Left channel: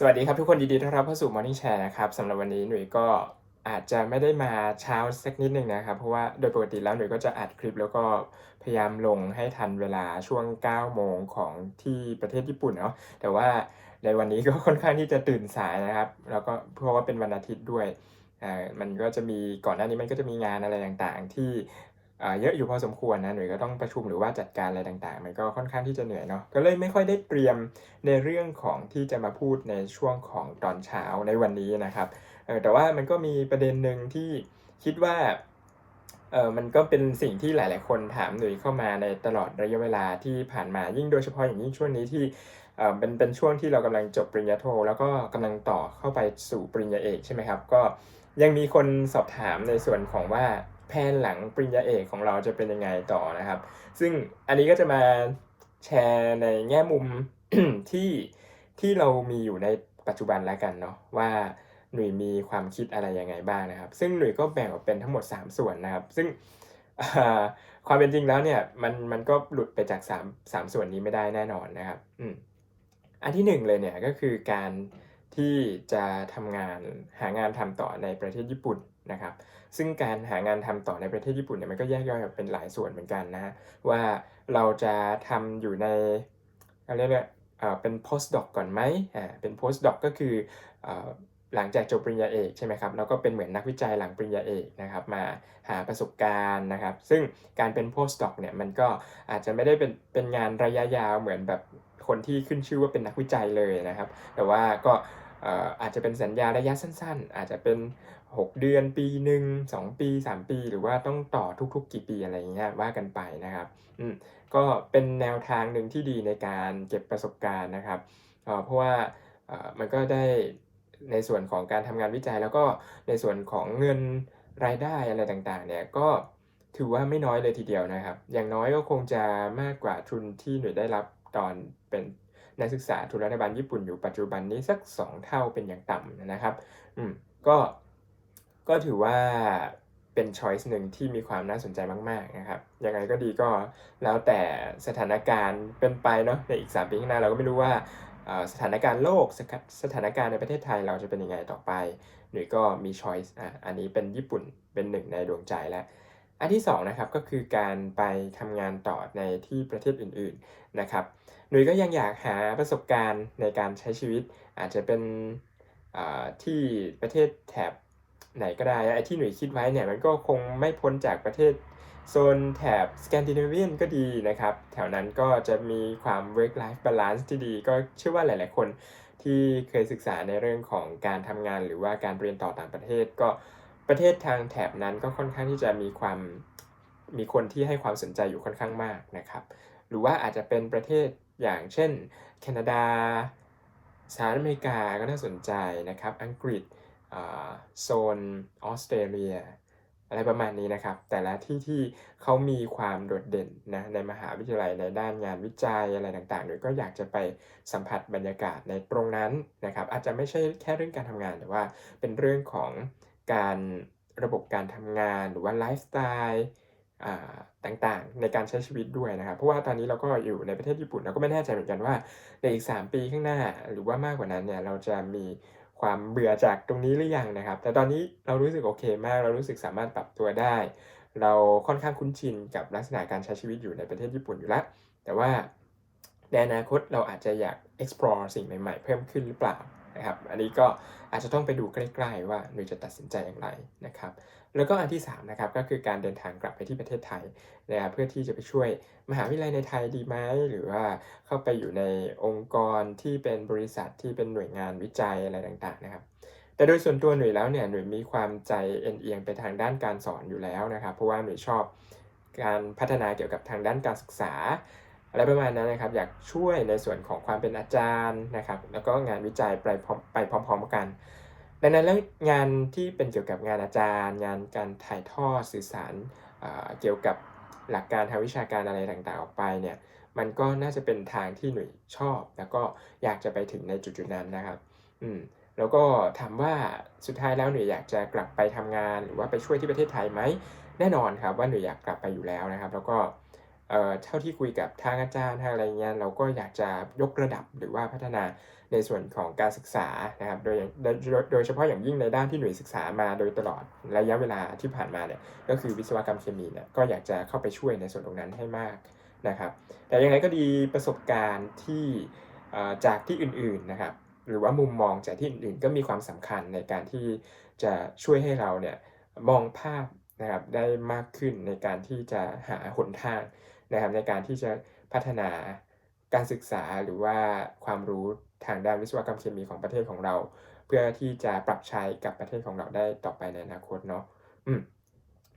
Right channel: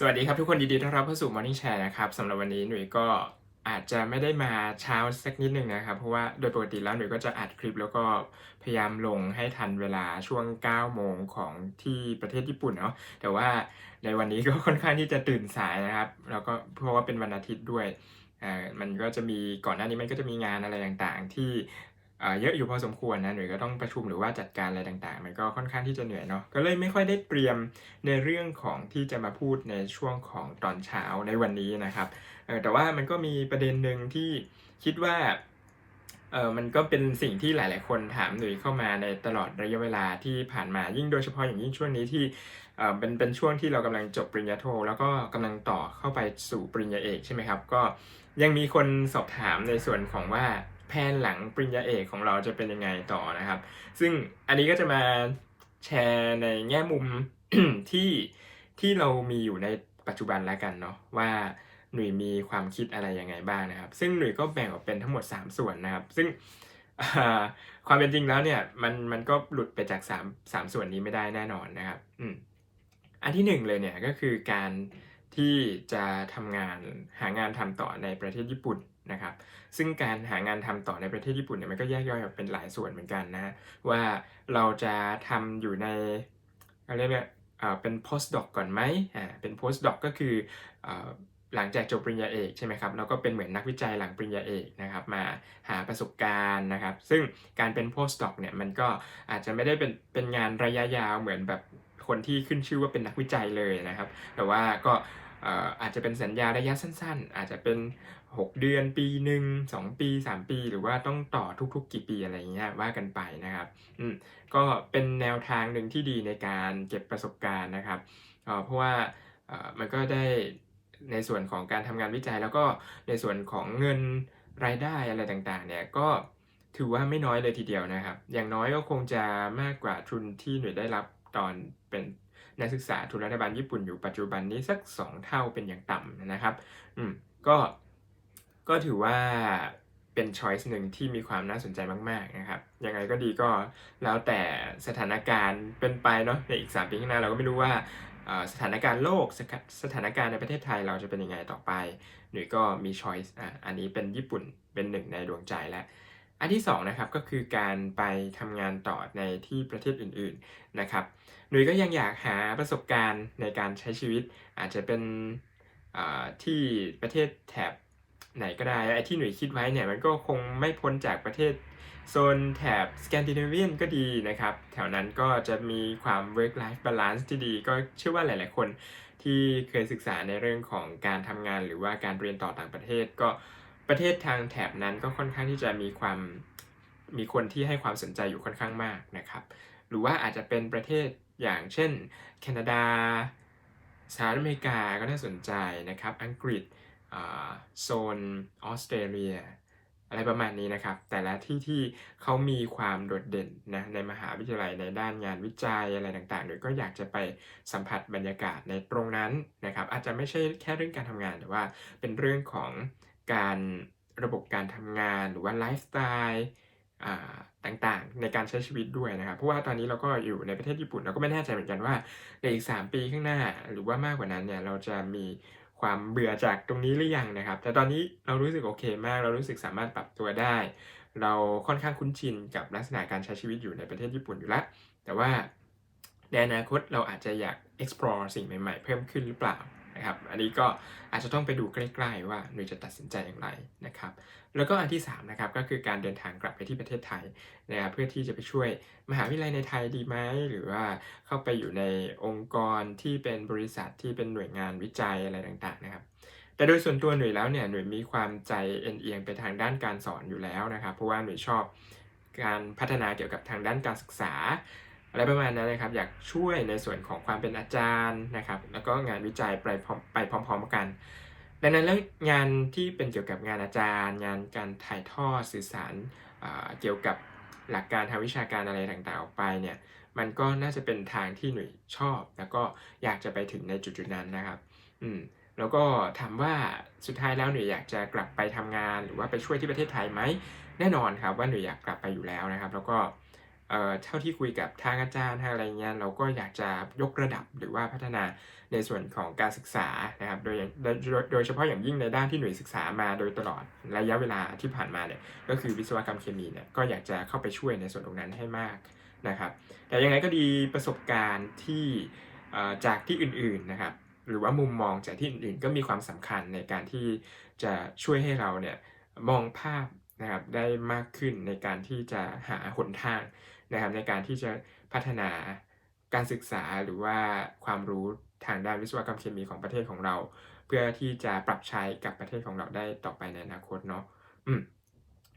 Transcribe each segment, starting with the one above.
สวัสดีครับทุกคนยินดีต้อนรับเข้าสู่ Morning Share นะครับสำหรับวันนี้หนุ่ยก็อาจจะไม่ได้มาเช้าสักนิดหนึ่งนะครับ เพราะว่าโดยปกติแล้วหนุ่ยก็จะอัดคลิปแล้วก็พยายามลงให้ทันเวลาช่วง 9 โมงของที่ประเทศญี่ปุ่นเนาะแต่ว่าในวันนี้ก็ค่อนข้างที่จะตื่นสายนะครับแล้วก็เพราะว่าเป็นวันอาทิตย์ด้วยอ่ามันก็จะมีก่อนหน้านี้มันก็จะมีงานอะไรต่างๆ ที่ เยอะอยู่พอสมควรนะหน่วยก็ต้องประชุมหรือว่าจัดการอะไรต่างๆ มันก็ค่อนข้างที่จะเหนื่อยเนาะก็เลยไม่ค่อยได้เตรียมในเรื่องของที่จะมาพูดในช่วงของตอนเช้าในวันนี้นะครับแต่ว่ามันก็มีประเด็นหนึ่งที่คิดว่าเออมันก็เป็นสิ่งที่หลาย ๆ คนถามหนุ่ยเข้ามาในตลอดระยะเวลาที่ผ่านมายิ่งโดยเฉพาะอย่างยิ่งช่วงนี้ที่เออเป็นเป็นช่วงที่เรากำลังจบปริญญาโท แล้วก็กำลังต่อเข้าไปสู่ปริญญาเอกใช่ไหมครับ ก็ยังมีคนสอบถามในส่วนของว่า แผนหลังปริญญาเอกของเราจะเป็นยังไงต่อนะครับ ซึ่งอันนี้ก็จะมาแชร์ในแง่มุมที่ที่เรามีอยู่ในปัจจุบันแล้วกันเนาะว่าหนุ่ยมีความคิดอะไรยังไงบ้างนะครับ ซึ่งหนุ่ยก็แบ่งออกเป็นทั้งหมด 3 ส่วนนะครับ ซึ่งความเป็นจริงแล้วเนี่ยมันมันก็หลุดไปจาก3 3ส่วนนี้ไม่ได้แน่นอนนะครับอืมอันที่หนึ่งเลยเนี่ยก็คือการที่จะทำงานหางานทำต่อในประเทศญี่ปุ่น นะครับ ซึ่งการหางานทำต่อในประเทศญี่ปุ่นเนี่ยมันก็แยกย่อยออกเป็นหลายส่วนเหมือนกันนะ ว่าเราจะทำอยู่ในอะไรเรียกว่าเป็น postdoc ก่อนไหมอ่าเป็น postdoc ก็คืออหลังจากจบปริญญาเอกใช่ไหมครับแล้วก็เป็นเหมือนนักวิจัยหลังปริญญาเอกนะครับมาหาประสบการณ์นะครับ ซึ่งการเป็น postdoc เนี่ยมันก็อาจจะไม่ได้เป็นเป็นงานระยะยาวเหมือนแบบคนที่ขึ้นชื่อว่าเป็นนักวิจัยเลยนะครับ แต่ว่าก็ อาจจะเป็นสัญญาระยะสั้น ๆ อาจจะเป็น 6 เดือนปีหนึ่ง2ปี 3 ปี หรือว่าต้องต่อทุกๆ กี่ปีอะไรอย่างเงี้ยว่ากันไปนะครับอืมก็เป็นแนวทางหนึ่งที่ดีในการเก็บประสบการณ์นะครับเพราะว่ามันก็ได้ในส่วนของการทำงานวิจัย แล้วก็ในส่วนของเงินรายได้อะไรต่างๆ เนี่ยก็ถือว่าไม่น้อยเลยทีเดียวนะครับ อย่างน้อยก็คงจะมากกว่าทุนที่หน่วยได้รับตอนเป็น นักศึกษาทุนรัฐบาลญี่ปุ่นอยู่ปัจจุบันนี้สัก 2 เท่าเป็นอย่างต่ำนะครับ อืม ก็ ก็ถือว่าเป็นช้อยส์หนึ่งที่มีความน่าสนใจมาก ๆ นะครับ ยังไงก็ดีก็แล้วแต่สถานการณ์เป็นไปเนาะในอีก 3 ปีข้างหน้าเราก็ไม่รู้ว่าสถานการณ์โลกสถาสถานการณ์ในประเทศไทยเราจะเป็นยังไงต่อไปหรือก็มีช้อยส์อะอันนี้เป็นญี่ปุ่นเป็นหนึ่งในดวงใจแล้ว อันที่สองนะครับก็คือการไปทำงานต่อในที่ประเทศอื่นๆนะครับหนุ่ยก็ยังอยากหาประสบการณ์ในการใช้ชีวิต อาจจะเป็นที่ประเทศแถบไหนก็ได้ไอ้ที่หนุ่ยคิดไว้เนี่ยมันก็คงไม่พ้นจากประเทศโซนแถบสแกนดิเนเวียนก็ดีนะครับ แถวนั้นก็จะมีความ work life balance ที่ดี ก็เชื่อว่าหลาย ๆ คนที่เคยศึกษาในเรื่องของการทำงานหรือว่าการเรียนต่อต่างประเทศก็ ประเทศทางแถบนั้นก็ค่อนข้างที่จะมีความมีคนที่ให้ความสนใจอยู่ค่อนข้างมากนะครับ หรือว่าอาจจะเป็นประเทศอย่างเช่น แคนาดาสหรัฐอเมริกาก็น่าสนใจนะครับ อังกฤษโซนออสเตรเลีย อะไรประมาณนี้นะครับ แต่ละที่ที่เขามีความโดดเด่นนะในมหาวิทยาลัยในด้านงานวิจัยอะไรต่างๆหรือก็อยากจะไปสัมผัสบรรยากาศในตรงนั้นนะครับ อาจจะไม่ใช่แค่เรื่องการทำงานแต่ว่าเป็นเรื่องของ การระบบการทำงานหรือว่าไลฟ์สไตล์ต่างๆ ในการใช้ชีวิตด้วยนะครับ เพราะว่าตอนนี้เราก็อยู่ในประเทศญี่ปุ่นเราก็ไม่แน่ใจเหมือนกันว่าในอีก 3 ปีข้างหน้า หรือว่ามากกว่านั้นเนี่ยเราจะมีความเบื่อจากตรงนี้หรือยังนะครับ แต่ตอนนี้เรารู้สึกโอเคมาก เรารู้สึกสามารถปรับตัวได้ เราค่อนข้างคุ้นชินกับลักษณะการใช้ชีวิตอยู่ในประเทศญี่ปุ่นอยู่แล้วแต่ว่าในอนาคตเราอาจจะอยาก explore สิ่งใหม่ ๆ เพิ่มขึ้นหรือเปล่า นะครับ อันนี้ก็อาจจะต้องไปดูใกล้ๆว่าหนูจะตัดสินใจอย่างไรนะครับ แล้วก็อันที่3นะครับก็คือการเดินทางกลับไปที่ประเทศไทยนะครับเพื่อที่จะไปช่วยมหาวิทยาลัยในไทยดีไหมหรือว่าเข้าไปอยู่ในองค์กรที่เป็นบริษัทที่เป็นหน่วยงานวิจัยอะไรต่างๆนะครับแต่โดยส่วนตัวหน่วยแล้วเนี่ยหน่วยมีความใจเอ็นเอียงไปทางด้านการสอนอยู่แล้วนะครับ เพราะว่าหน่วยชอบการพัฒนาเกี่ยวกับทางด้านการศึกษา อะไรประมาณนั้นนะครับ อยากช่วยในส่วนของความเป็นอาจารย์นะครับ แล้วก็งานวิจัยไปพร้อมไปพร้อม ๆ กัน ดังนั้นแล้วงานที่เป็นเกี่ยวกับงานอาจารย์ งานการถ่ายทอดสื่อสารเกี่ยวกับหลักการทางวิชาการอะไรต่างๆออกไปเนี่ย มันก็น่าจะเป็นทางที่หน่ยชอบ แล้วก็อยากจะไปถึงในจุดๆนั้นนะครับ อืมแล้วก็ถามว่าสุดท้ายแล้วหน่ยอยากจะกลับไปทำงาน หรือว่าไปช่วยที่ประเทศไทยไหมแน่นอนครับว่าหน่ยอยากกลับไปอยู่แล้วนะครับ แล้วก็ เท่าที่คุยกับทางอาจารย์ทางอะไรเงี้ยเราก็อยากจะยกระดับหรือว่าพัฒนาในส่วนของการศึกษานะครับโดยโดยเฉพาะอย่างยิ่งในด้านที่หน่วยศึกษามาโดยตลอดระยะเวลาที่ผ่านมาเนี่ยก็คือวิศวกรรมเคมีเนี่ยก็อยากจะเข้าไปช่วยในส่วนตรงนั้นให้มากนะครับ แต่ยังไงก็ดีประสบการณ์ที่จากที่อื่นๆนะครับ หรือว่ามุมมองจากที่อื่นๆ ก็มีความสำคัญในการที่จะช่วยให้เราเนี่ยมองภาพนะครับได้มากขึ้นในการที่จะหาหนทาง นะครับในการที่จะพัฒนาการศึกษาหรือว่าความรู้ทางด้านวิศวกรรมเคมีของประเทศของเรา เพื่อที่จะปรับใช้กับประเทศของเราได้ต่อไปในอนาคตเนาะอืม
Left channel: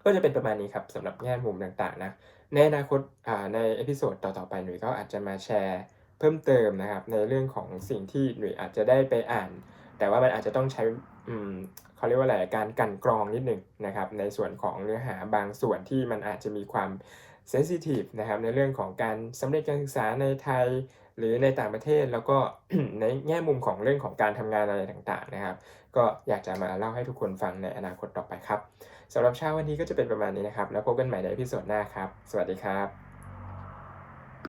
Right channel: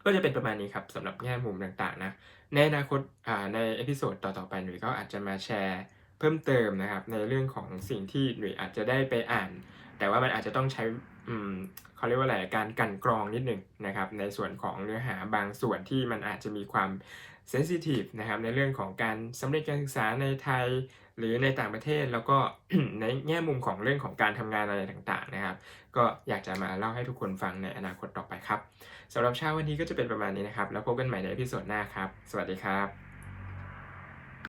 ก็จะเป็นประมาณนี้ครับสำหรับแง่มุมต่างๆนะในอนาคตอ่าในเอพิโซดต่อๆไปหนุ่ยก็อาจจะมาแชร์เพิ่มเติมนะครับในเรื่องของสิ่งที่หนุ่ยอาจจะได้ไปอ่าน แต่ว่ามันอาจจะต้องใช้อืมเขาเรียกว่าอะไรการกันกรองนิดหนึ่งนะครับในส่วนของเนื้อหาบางส่วนที่มันอาจจะมีความ เซนซิทีฟนะครับในเรื่องของการสำเร็จการศึกษาในไทยหรือในต่างประเทศแล้วก็ในแง่มุมของเรื่องของการทำงานอะไรต่างๆนะครับ ก็อยากจะมาเล่าให้ทุกคนฟังในอนาคตต่อไปครับสำหรับเช้าวันนี้ก็จะเป็นประมาณนี้นะครับ แล้วพบกันใหม่ในพิโซดหน้าครับ สวัสดีครับ